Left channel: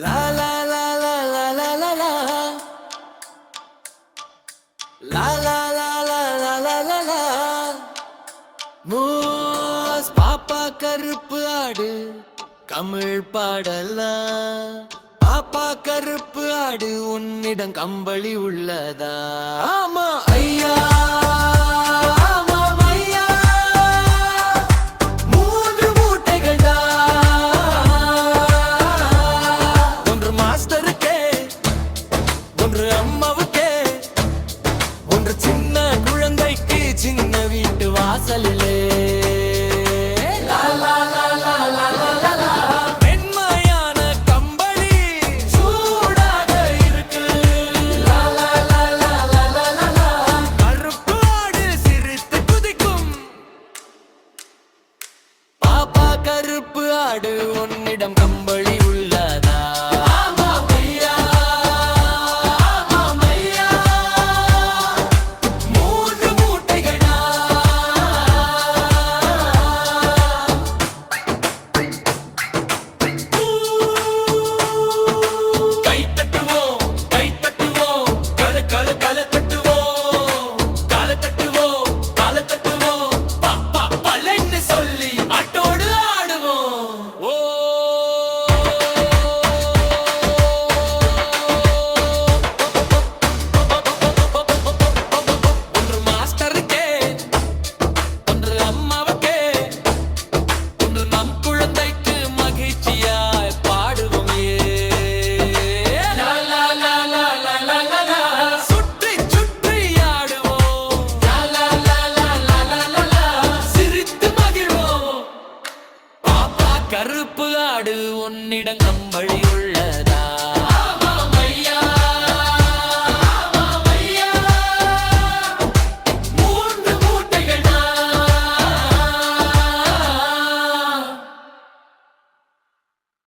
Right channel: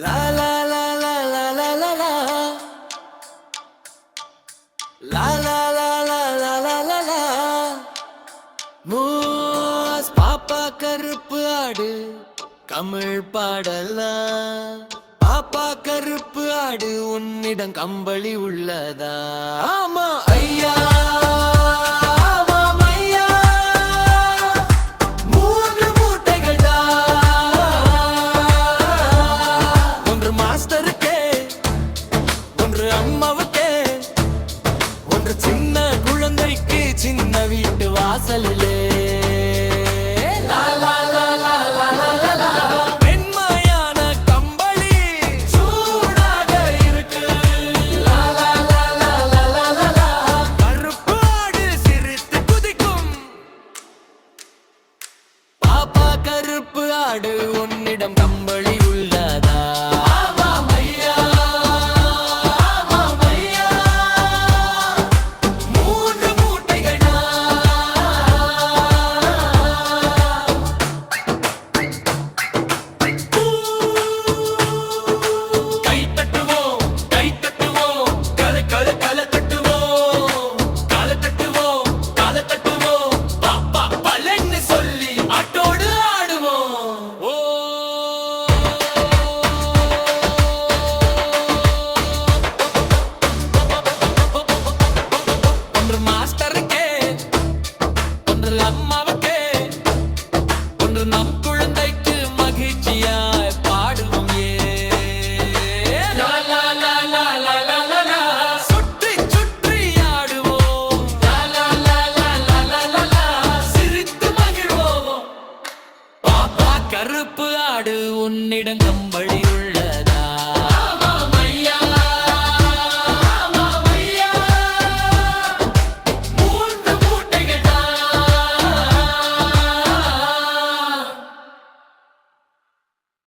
La la la la la la la la. La la la la la la la la. மூஸ் பாப்பா கருப்பு ஆடு தமிழ் பாடலாம். பாப்பா கருப்பு ஆடு உன்னிடம் கம்பளி உள்ளதா? ஆமா ஐயா, ஆமாம் ஐயா. 3 மூட்டைகள் தான். ஒன்று மாஸ்டருக்கே, ஒன்று அம்மாவுக்கே, ஒன்று சின்ன குழந்தைக்கு சின்ன வீட்டு வாசலிலே. வெண்மையான கம்பளி சூடாக இருக்கு. கருப்பு ஆடு சிரித்து குதிக்கும். பாப்பா கருப்பு ஆடு உன்னிடம் கம்பளி உள்ளதா? அம்மாவுக்கே, ஒன்று நம் குழந்தைக்கு மகிழ்ச்சியாய் பாடுவோம். சுற்றி சுற்றி ஆடுவோம், சிரித்து மகிழ்வோம். பாப்பா கருப்பு ஆடு உன்னிடம் கம்பளி உள்ள